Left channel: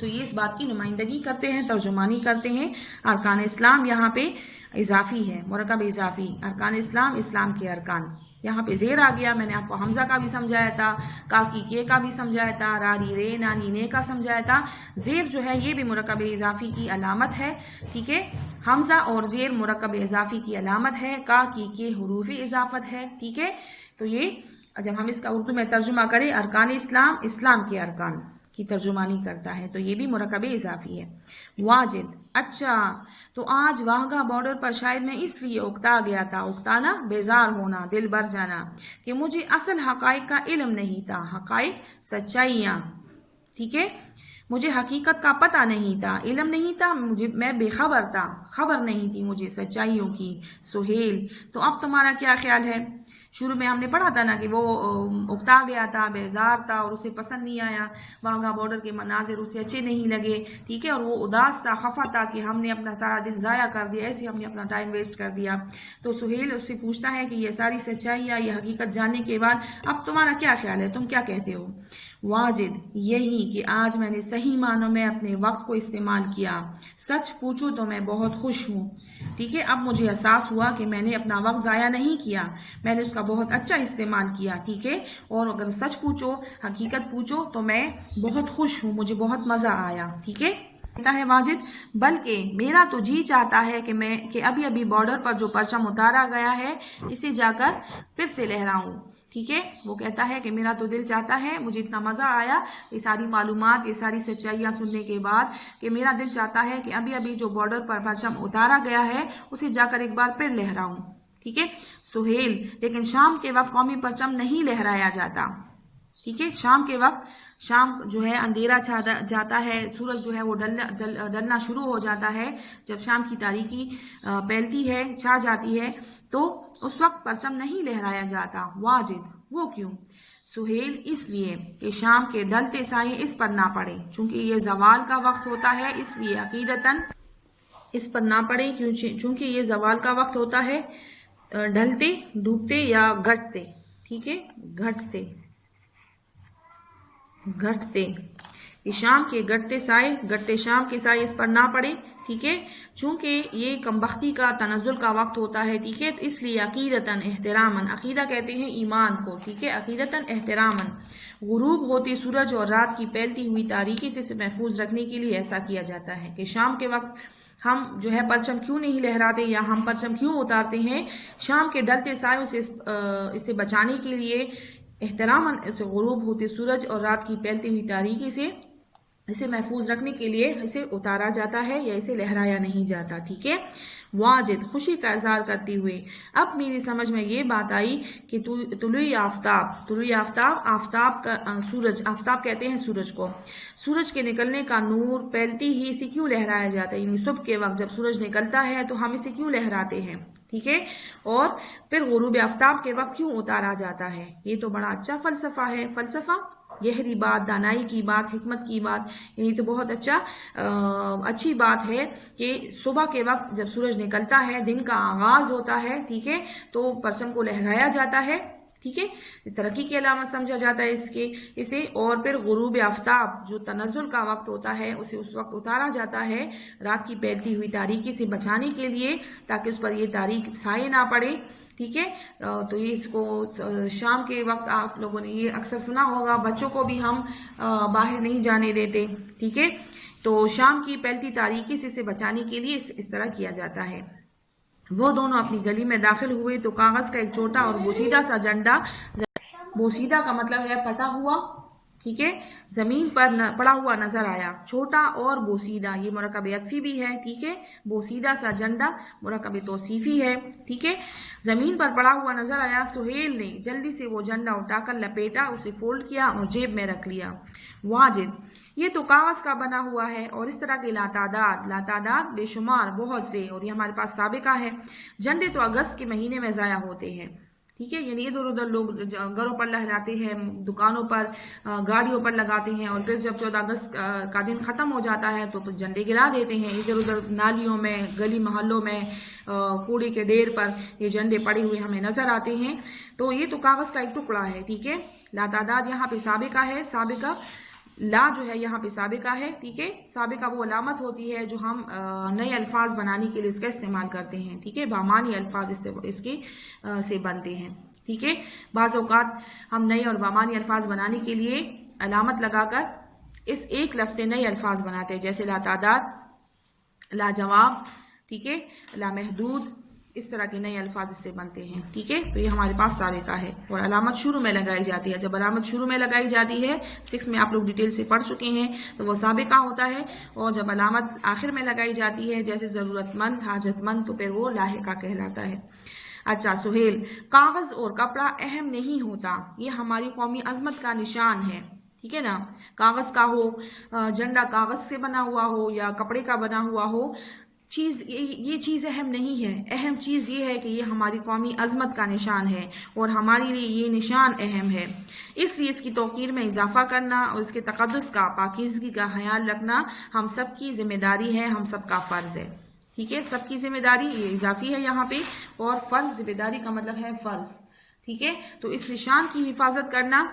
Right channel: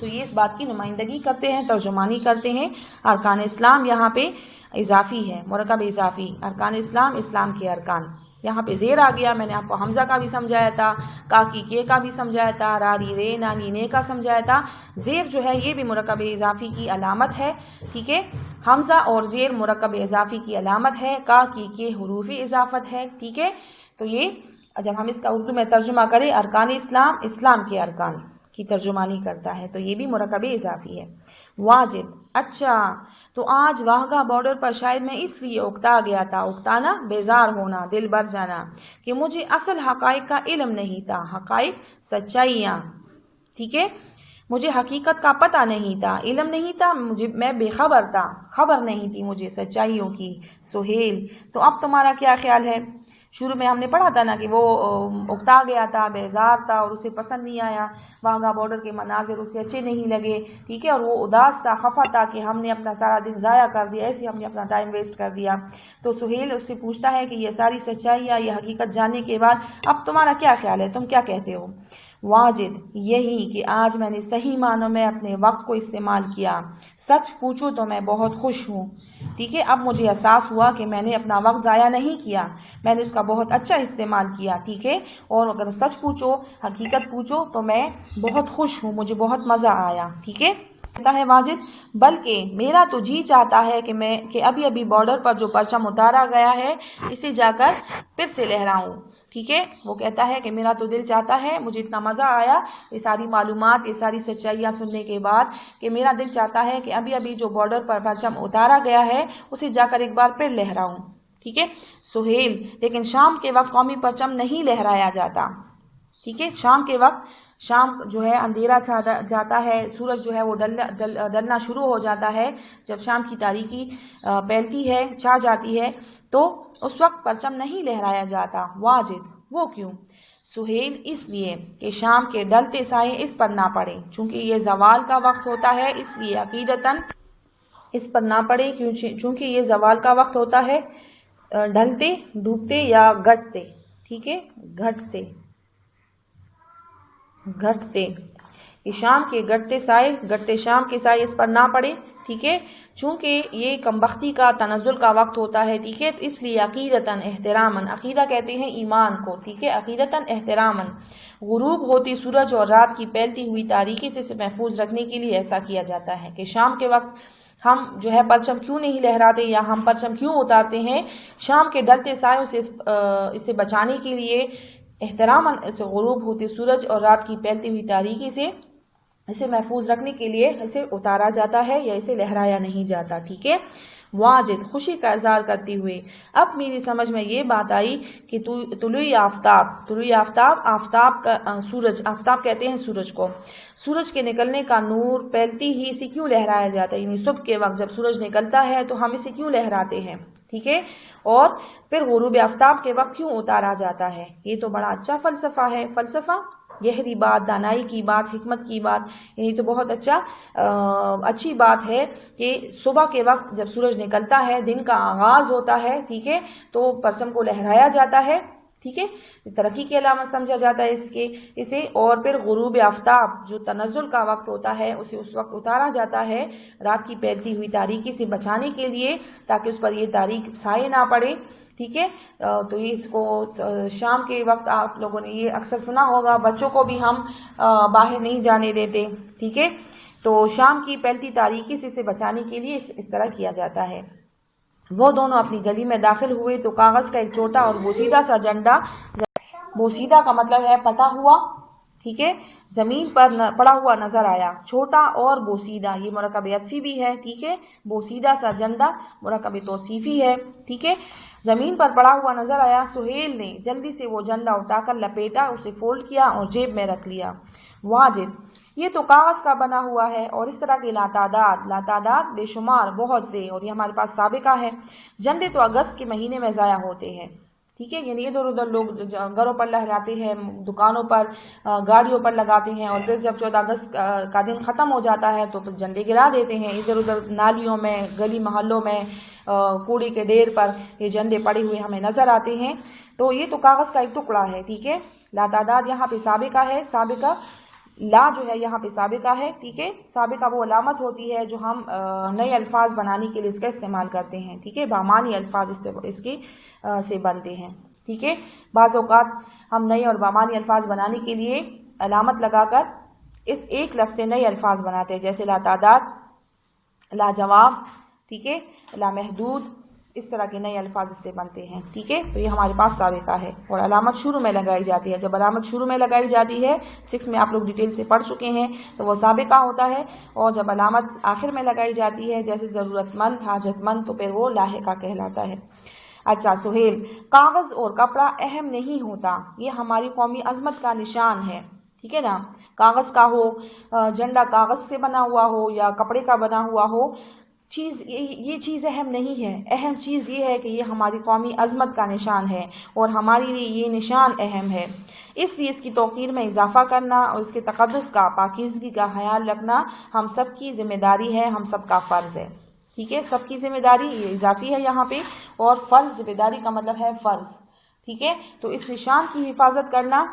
تو یہ اس بات کی نمائندگی کرتے ہیں، ترجمانی کرتے ہیں۔ ارکان اسلام یہاں پہ اضافی ہے، مرکب اضافی، ارکان اسلام، اسلام کے ارکان۔ یہاں پہ زیر آ گیا، میں نے آپ کو حمزہ کا بھی سمجھایا تھا، کاکی کے کا بھی سمجھایا تھا، راری رے نانی نے کا سمجھایا تھا۔ زیر جو ہے یہ بھی مرکب اضافی کی علامت ہے، ٹھیک ہے۔ حمزہ اور زیر مرکب اضافی کی علامت ہے، کاکی کے حروف اضافت ہے، ٹھیک ہے۔ تو یہ جب ہم اس کا اردو میں ترجمہ کریں، ارکان اسلام، اسلام کے ارکان کی ترجمانی کرتا ہے، تو یہ بھی مرکب اضافی ہے۔ واجد، اچھا تو آج واہگہ بارڈر پر شاید میں اس لیے اکتا گیا تھا، اکتانا بیزار ہونا، دل بھر جانا، کہ مجھے اصل حقائق کا علم نہیں تھا، حقائق سچائیاں، ٹھیک ہے۔ مجھے حقیقت کا پتہ نہیں تھا، علم نہیں تھا، میں بے خبر تھا، خبر نہیں تھی مجھے سچائیوں کی۔ سہیل، تو اب تمہارا کیا خیال ہے؟ شروع میں ہم نے پڑھا تھا نا کہ وہ اکتا گیا تھا، بیزار تھا اور اسے پسند نہیں آیا، واہگہ بارڈر کے مناظر اسے اچھے نہیں لگے، ٹھیک ہے، اور وہ اداس تھا، خفا تھا کہ ہم نے اپنا سارا دن ضائع کر دیا، ایسے ہم نے اپنا ٹائم ویسٹ کر دیا۔ تو سہیل اس سے پوچھتا ہے کہ یہ ساری سچائیاں، یہ حقیقت جاننے کے بعد اب تمہارا کیا خیال ہے، تم کیا کہتے ہو؟ واجد، یہی کہ آج میں نے صحیح معنوں میں اپنے وقت کو استعمال کیا، سچ پوچھو تو میں بہت خوش ہوں، ٹھیک ہے۔ اب مجھے احساس ہوا کہ میں نے اپنا وقت ضائع نہیں کیا، میں نے اس کا بہت اچھا استعمال کیا، ٹھیک ہے۔ اور اگر سچ پوچھو، حقیقت پوچھو تو میں بہت خوش ہوں، مجھے بہت مزہ آیا، ٹھیک ہے۔ کہتا ہے واجد، بلکہ میرا تو جی چاہتا ہے کہ ابھی بارڈر پر جو پرچم اتارا گیا ہے اسے جا کر پھر سے لہراؤں، ٹھیک ہے۔ وہ کہتا ہے کہ میرا تو دل چاہتا ہے، مجھے اتنا مزہ آیا یہ ساری معلومات، یہ ساری سچائیاں سننے کے بعد، کہ میرا دل چاہتا ہے کہ ابھی جو بارڈر پر پرچم اتارا گیا ہے اسے جا کر ایک بار پھر لہراؤں، ٹھیک ہے۔ سہیل، لیکن شام کے وقت قومی پرچم نہیں لہرایا جاتا، ٹھیک ہے۔ شام کے وقت، شام جو ہے اندھیرا چھا جاتا ہے، سورج جو ہے وہ ڈلنا شروع ہو جاتا ہے، جب شام کی تاریکی پھیلتی ہے، چھا جاتی ہے، تو اس وقت پرچم نہیں لہرایا جاتا۔ واجد، وہ کیوں؟ سہیل، اس لیے کہ شام کے ڈلتے سائے اس پر نہ پڑے، چونکہ یہ زوال کا وقت ہوتا ہے، اس لیے عقیدتاً اس پر نہ پڑے، چونکہ یہ زوال کا وقت ہوتا ہے، ڈھلتے، ڈوبتے یا گھٹتے، ٹھیک ہے، گھٹتے کہ شام کے گھٹتے شام کے سائے اس پر نہ پڑے، ٹھیک ہے، چونکہ یہ کمبختی کا تنزل کا وقت ہوتا ہے، ٹھیک ہے۔ اس لیے عقیدتاً احتراماً، عقیدہ کہتے ہیں ایمان کو، ٹھیک ہے، عقیدتاً احتراماً غروب ہوتی سورج اور رات کی پھیلتی ہوئی تاریکی سے محفوظ رکھنے کے لیے ایسا کیا جاتا ہے کہ شام کے وقت ہم جو ہے پرچم کیوں نہیں لہراتے یا ہم پرچم کیوں اتارتے ہیں؟ شام کے ڈلتے سائوں سے اسے بچانے کے لیے، احتراماً اسے غروب ہوتے سورج اور رات کی پھیلتی ہوئی تاریکی سے اسے محفوظ رکھنے کے لیے اسے اتارا جاتا ہے یا اسے لہرایا نہیں جاتا، ٹھیک ہے۔ واجد، خوشی کا اظہار کرتے ہوئے، اب میری سمجھ میں یہ بات آئی کہ طلوع آفتاب، آفتاب کا سورج، آفتاب کہتے ہیں سورج کو، سورج کے نکلنے کا نور پھیلتی ہی اسے کیوں لہرایا جاتا ہے، یعنی صبح کے وقت جب سورج نکلتا ہے تو ہم اسے کیوں لہراتے ہیں، ٹھیک ہے، اور پھر غروب آفتاب کے وقت کیوں اتارا جاتا ہے۔ یہ تو بڑا اچھا فلسفہ ہے، فلسفہ، گہری بات، دانائی کی بات، حکمت کی بات، یعنی تو بہت اچھی بات ہے کہ صبح کے وقت جب سورج نکلتا ہے، دن کا آغاز ہوتا ہے، ٹھیک ہے، تو پرچم کو لہرایا جاتا ہے، ٹھیک ہے، ترقی کی علامت سمجھا جاتا ہے اسے، اور پھر غروب آفتاب جو تنزل کا وقت ہوتا ہے اسے اس وقت اتارا جاتا ہے رات کی پھیلتی ہوئی تاریکی سے بچانے کے لیے، تاکہ اس پر یہ تاریک سائے نہ پڑے، ٹھیک ہے۔ تو اس کو شام کے وقت آپ لوگوں نے یہ اکثر سنا ہوگا، بچوں کو بھی ہم باہر نہیں جانے دیتے، ٹھیک ہے، تو شام کی پھیلتی تاریکی سے اسے بچانے کے لیے اس طرح کیا جاتا ہے۔ وہ دونوں اپنی گلی میں داخل ہوئے تو کاغذ کا ایک چھوٹا اور بوسیدہ سا جھنڈا، بوسیدہ کا مطلب ہے پٹا ہوا، ٹھیک ہے، زمین پر پڑا ہوا نظر آیا۔ چھوٹا اور بوسیدہ یہ مرکب عطفی بھی ہے، ٹھیک ہے، بوسیدہ سا جھنڈا مرکب توصیفی ہے، ٹھیک ہے، زمین پر پڑا ہوا نظر آیا۔ سہیل نے جلدی سے وہ جھنڈا اٹھا کر لپیٹا، اسے فولڈ کیا اور جیب میں رکھ لیا۔ واجد، یہ تو کاغذ کا بنا ہوا ہے اور اس طرح کے لاتعداد بے شمار، بہت سے، اور یہ ہمارے پاس سابقہ ہے۔ جھنڈے تو اگست کے مہینے میں ضائع ہوتے ہیں، ٹھیک ہے، یعنی ادھر ادھر لوگ گھروں پر لہراتے ہیں، دکانوں پر، گاڑیوں پر لگاتے ہیں، اور پھر جب 14 اگست کا دن ختم ہو جاتا ہے تو پھر جھنڈے گرا دیتے ہیں ادھر ادھر، نالیوں میں، گلی محلوں میں، کوڑے کے ڈھیر پر یہ جھنڈے پڑے ہوئے ہمیں نظر آتے ہیں۔ تو یہ تو کاغذ کا ایک ٹکڑا ہے، ٹھیک ہے، لاتعداد یہاں پہ سابقہ ہے، سابقہ لا جو ہے یہاں پہ سابقہ ہے، ٹھیک ہے. سابقہ وہ علامت ہوتی ہے جو ہم نئے الفاظ بنانے کے لیے اس کا استعمال کرتے ہیں، ٹھیک ہے. بامانی الفاظ اس کی سے بنتے ہیں، ٹھیک ہے. بعض اوقات ہم نئے اور بامانی الفاظ بنانے کے لیے علامت لگا کر اس ایک لفظ سے نئے الفاظ بناتے ہیں، جیسے لا تعداد، لا جواب، ٹھیک ہے، لا محدود، اس طرح کے نئے الفاظ اس سے بنتے ہیں، ٹھیک ہے. تو یہ ہمارے پاس سابقہ ہے اور علامت شروع میں لگائی جاتی ہے. جب علامت شروع میں لگائی جاتی ہے 6 میں آپ لوگ ڈیٹیل سے پڑھ چکے ہیں تو وہ سابقہ ہوتا ہے، اور جب علامت آخر میں لگائی جاتی ہے جیسے ضرورت مند، حاجت مند، تو پھر وہ لاحقہ کہلاتا ہے. اچھا سہیل، کاغذ اور کپڑا اہم نہیں ہوتا، یہ ہماری قومی عظمت کا نشان ہے، ٹھیک ہے نا. کاغذ کا ہو، جھنڈا کاغذ سے بنا ہوا ہو یا کپڑے کا بنا ہوا ہو، یہ چیز اہم نہیں ہے. اہم چیز یہ ہے کہ یہ ہماری قومی عظمت کا نشان ہے اور ہمارے لیے یہ نشان اہم ہے. اس لیے اس کی توقیر میں اضافہ کرنا اور اس کے تقدس کا، پاکیزگی کا خیال رکھنا ہم سب کی ذمہ داری ہے، ہم سب کا فرض ہے، ٹھیک ہے. سب کی ذمہ داری، یہ اضافی ہے یہاں پہ، اور فرض، ذمہ داری کا مطلب ہے فرض، ٹھیک ہے. تو اس نشان کی حفاظت کرنا،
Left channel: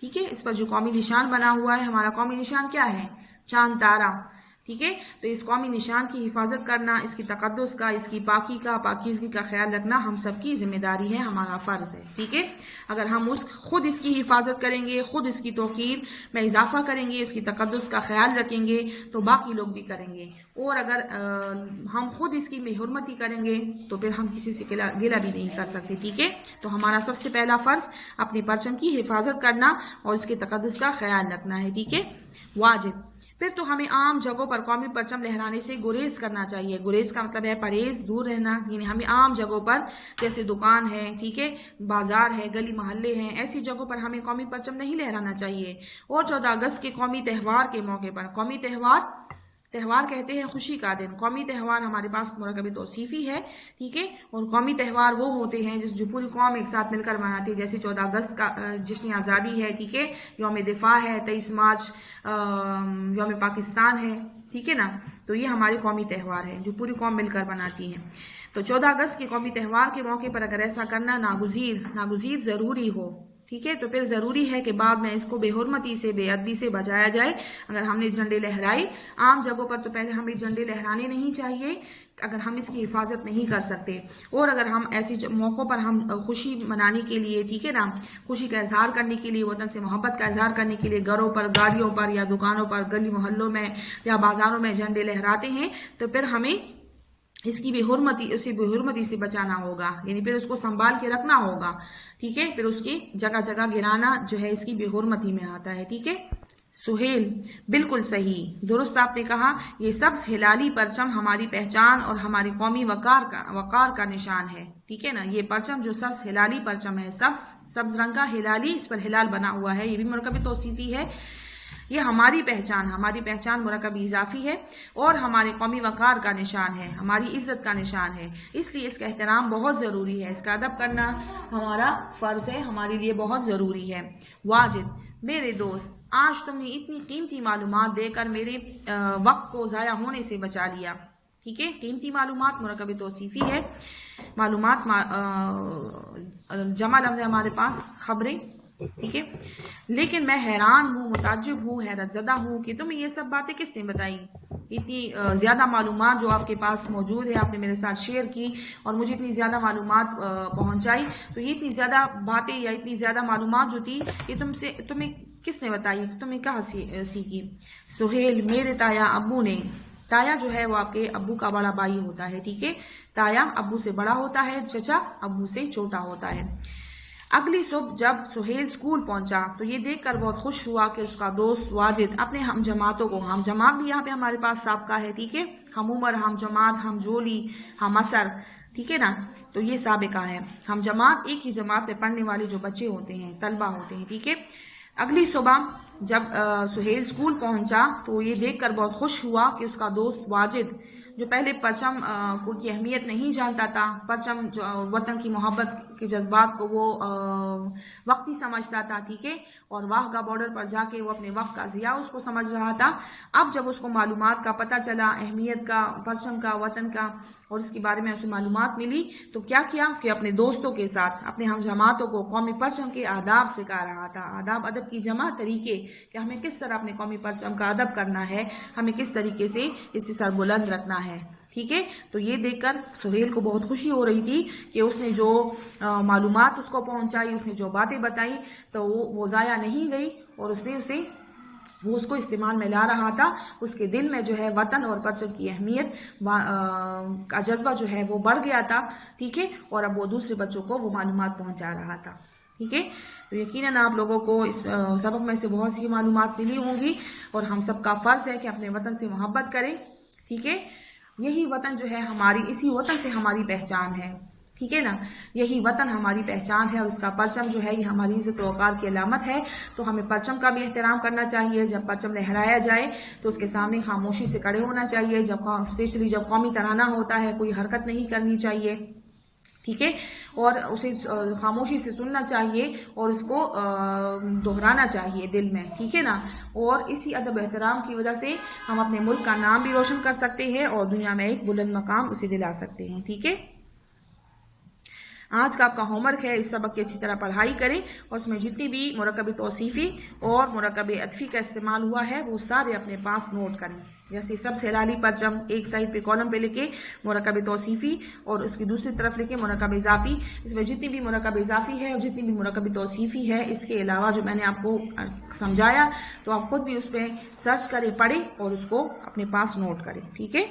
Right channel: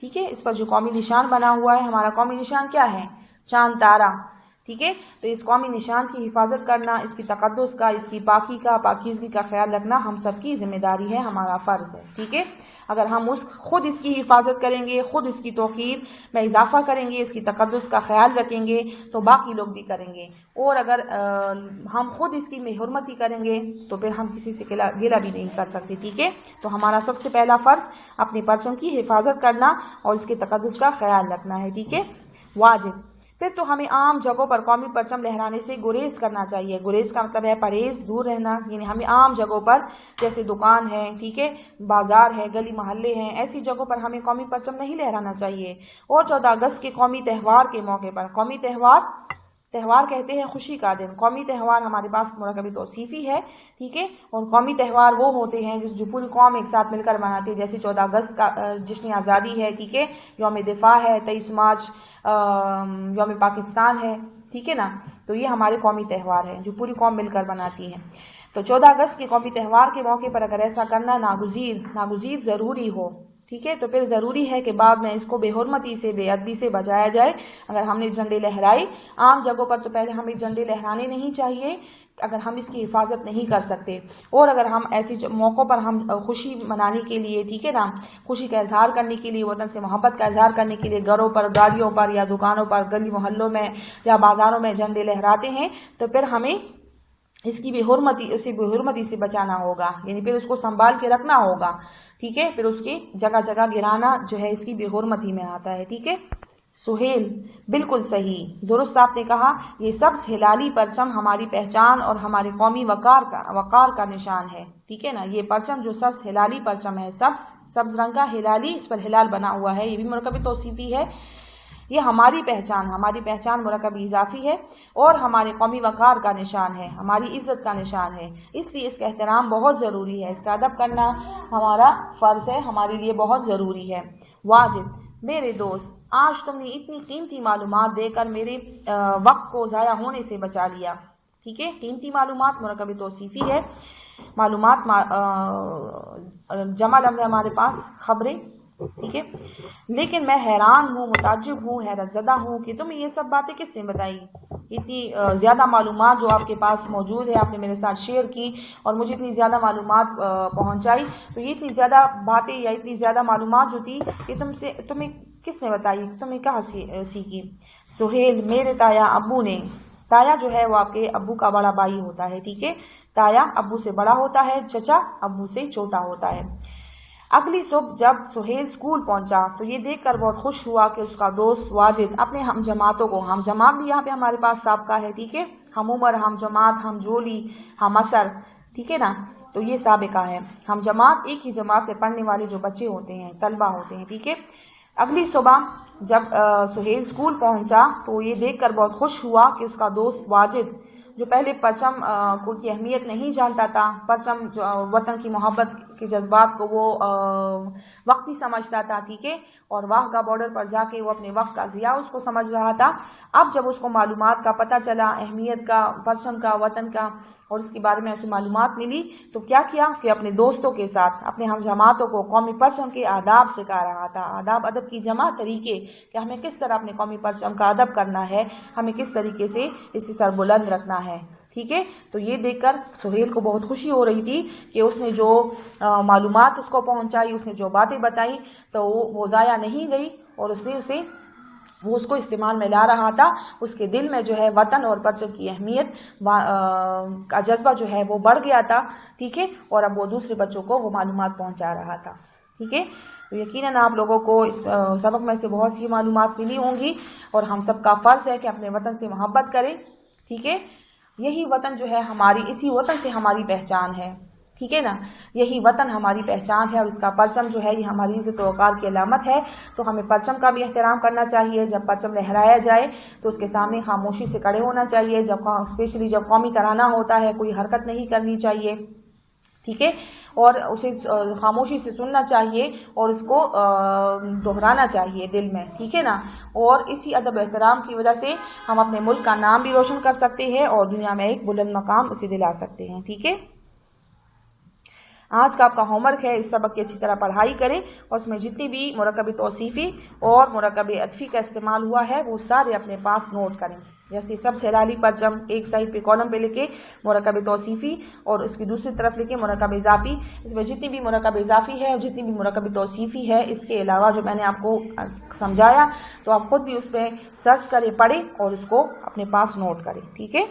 ٹھیک ہے. اس پر جو قومی نشان بنا ہوا ہے، ہمارا قومی نشان کیا ہے؟ چاند تارا، ٹھیک ہے. تو اس قومی نشان کی حفاظت کرنا، اس کی تقدس کا، اس کی پاکی کا، پاکیزگی کا خیال رکھنا ہم سب کی ذمہ داری ہے، ہمارا فرض ہے، ٹھیک ہے. اگر ہم خود اس کی حفاظت کریں گے، خود اس کی توقیر میں اضافہ کریں گے، اس کی تقدس کا خیال رکھیں گے تو باقی لوگ بھی کریں گے. اور اگر ہم خود اس کی حرمتی کریں گے تو پھر ہم کسی سے گلہ بھی نہیں کر سکتے، ٹھیک ہے. تو ہمارا سب سے پہلا فرض اپنے پرچم کی حفاظت کرنا اور اس کے تقدس کا خیال رکھنا ہے، ٹھیک ہے. واجب، پھر تو ہمیں عام جگہوں پر قومی پرچم لہرانے سے گریز کرنا چاہیے. گریز کا مطلب ہے پرہیز، دور رہنا. یعنی ہمیں عام جگہوں پر، جیسے دکان ہے، ٹھیک ہے، بازار ہے، گلی محلے ہیں، ایسی جگہوں پر ہمیں قومی پرچم نہیں لہرانا چاہیے. اور 14 اگست کے قومی تہوار کے موقع پر، قومی تہوار کہتے ہیں خوشی کا دن. قومی تہوار ہمارے پاس مرکب توصیفی ہے، ٹھیک ہے. اور قومی تہوار وہ ہوتے ہیں جو پوری قوم ایک ساتھ مل کر مناتی ہے، جیسے 14 اگست کا جشن آزادی ہے، ٹھیک ہے، یوم دفاع ہے، 23 مارچ یوم پاکستان ہے، ٹھیک ہے نا. تو یہ ہمارے قومی تہوار ہیں جو پوری قوم مل کر مناتی ہے. تو 14 اگست کے قومی تہوار کے موقع پر اگر ایسا کرنا ناگزیر ضروری ہو، ٹھیک ہے، تو پھر ضروری ہے کہ بعد میں اس کو بے حرمتی سے، بے ادبی سے بجایا جائے. اگر ہم نے جھنڈے لہرائے عام جگہوں پر تو پہلے ہمیں جھنڈے لہرانے نہیں چاہیے اگر ہم اس کی حفاظت نہیں کر سکتے. اور اگر ہم ایسی موقعوں پر ہم خوشی منانے کے لیے، ٹھیک ہے نا، خوشی کا اظہار کرنے کے لیے، وطن سے محبت کا اظہار کرنے کے لیے گھروں پر، گاڑیوں پر یا دکانوں پر، گلی محلوں میں یا بازاروں میں جھنڈے لہراتے ہیں تو پھر ہمیں اسے بے حرمتی سے بچانا ہوگا. یعنی پھر اس کو سنبھال کے رکھنا ہوگا، ٹھیک ہے. پھر اس کی جگہ جگہ گرانا جو ہے اس کی بے حرمتی میں آتا ہے، ٹھیک ہے. سہیل، بالکل صحیح، درست آپ نے کہا. یہ سبز ہلالی پرچم ہماری پہچان اور ہماری قومی وقار کا نشان ہے، ٹھیک ہے نا. یہ پرچم جو سبز ہلالی پرچم ہے، سبز رنگ کا ہلالی، اس پر ہلال بنا ہوا ہے، یہ بھی مرکب توصیفی ہے. یہ ہماری پہچان مرکب اضافی ہے اور ہمارے قومی وقار کا نشان ہے، ہماری عزت کا نشان ہے. اس لیے اس کا احترام بہت ضروری ہے، اس کا ادب کرنا ہمارا فرض ہے، ہمارے لیے بہت ضروری ہے. واجد، میرے دوست، آج تم نے اتنی قیمتی معلومات دے کر میرے وقت کو ضائع ہونے سے بچا لیا، ٹھیک ہے. قیمتی معلومات مرکب توصیفی ہے. معلومات جمع لفظ ہے ہمارے پاس، خبریں، ٹھیک ہے. لیکن میں حیران ہوں، متعجب ہوں، حیرت زدہ ہوں کہ تمہیں یہ سب باتیں کس نے بتائی. اتنی زیادہ معلومات جو آپ کے پاس موجود ہے، آپ نے میرے ساتھ شیئر کی اور مجھے اتنی زیادہ معلومات پہنچائی. تو یہ اتنی زیادہ باتیں یا اتنی زیادہ معلومات جو تھی یہ تمہیں کس نے بتائی، تمہیں کہاں سیکھی. سہیل، میرے تایا ابو نے. تایا جو ہے وہ آپ کے ابو کا بڑا بھائی ہوتا ہے، ٹھیک ہے. تایا ابو سے بڑا ہوتا ہے، چچا ابو سے چھوٹا ہوتا ہے. اگلی صبح جب سہیل اسکول پہنچا تو یہ دیکھ کر بہت خوش ہوا کہ اس کا دوست واجد اپنے ہم جماعتوں کو، ہم جماعت بھی یہاں پہ ہمارے پاس سابقہ ہے، ٹھیک ہے، ہم عمر، ہم جماعت، ہم جولی، ہم اثر، ٹھیک ہے نا. تو یہ سابقہ ہے. ہم جماعت، ایک ہی جماعت میں پڑھنے والے جو بچے ہوتے ہیں، طلبہ ہوتے ہیں، ٹھیک ہے. اگلی صبح جب سہیل اسکول پہنچا تو یہ دیکھ کر بہت خوش ہوا کہ اس کا دوست واجد، جو پہلے پرچم کی اہمیت نہیں جانتا تھا، پرچم جو وطن کی محبت کے جذبات کو وہ وقتی سمجھتا تھا، ٹھیک ہے، اور واہ کا بارڈر پر جا کے وہ اپنے وقت کا ضیاع اس کو سمجھ رہا تھا۔ اب جب اس کو معلومات کا پتہ چلا، اہمیت کا، پرچم کا، وطن کا، اور اس کے بارے میں اسے معلومات ملی، تو کیا کیا کہ اپنے دوستوں کے ساتھ، اپنے ہم جماعتوں کو قومی پرچم کے آداب سکھا رہا تھا۔ آداب ادب کی جمع طریقے کہ ہمیں کس طرح اپنے قومی پرچم کا ادب کرنا ہے، ہمیں کس طریقے سے اس سے سر بلند رکھنا ہے، ٹھیک ہے۔ تو یہ دیکھ کر سہیل کو بہت خوشی ہو رہی تھی کہ اس نے جو معلومات اس کو پہنچائی، اس نے جو باتیں بتائی، تو وہ ضائع نہیں گئی، اور اس نے وہ اس کو استعمال میں لا رہا تھا۔ اس کے دل میں جو ہے وطن اور پرچم کی اہمیت کا جذبہ جو ہے وہ بڑھ گیا تھا، ٹھیک ہے، اور اب وہ دوسرے بچوں کو وہ معلومات پہنچا رہا تھا، ٹھیک ہے۔ تو یقیناً آپ لوگوں کو اس سبق میں سے بہت سی معلومات ملی ہوں گی، اور ہم سب کا فرض ہے کہ اپنے وطن سے محبت کریں، ٹھیک ہے۔ یہی وطن جو ہے اسی وطن سے ہماری پہچان ہے، ٹھیک ہے نا، یہی وطن ہماری پہچان ہے، اور اس کا پرچم جو ہے یہ ہماری عزت و وقار کی علامت ہے۔ تو ہمیں پرچم کا بھی احترام کرنا چاہیے۔ جب پرچم لہرایا جائے تو اس کے سامنے خاموشی سے کھڑے ہونا چاہیے، اسپیشلی جب قومی ترانہ ہوتا ہے کوئی حرکت نہیں کرنی چاہیے، ٹھیک ہے، اور اسے خاموشی سے سننا چاہیے، اور اس کو دہرانا چاہیے دل میں، ٹھیک ہے نا۔ اور اسی ادب احترام کی وجہ سے ہم اپنے ملک کا نام بھی روشن کر سکتے ہیں، اور دنیا میں ایک بلند مقام اسے دلا سکتے ہیں، ٹھیک ہے۔ آج کا آپ کا ہوم ورک ہے، اس سبق کی اچھی طرح پڑھائی کریں، اور اس میں جتنی بھی مرکب توصیفی اور مرکب عطفی کا استعمال ہوا ہے وہ سارے اپنے پاس نوٹ کریں۔ جیسے سب سے ہلالی پرچم ایک سائڈ پہ کالم پہ لکھے مرکب توصیفی، اور اس کی دوسری طرف لکھے مرکب اضافی۔ اس میں جتنی بھی مرکب اضافی ہے اور جتنی بھی مرکب توصیفی ہے، اس کے علاوہ جو میں نے آپ کو سمجھایا، تو آپ خود بھی اس پہ سرچ کریں، پڑھیں، اور اس کو اپنے پاس نوٹ کریں، ٹھیک ہے۔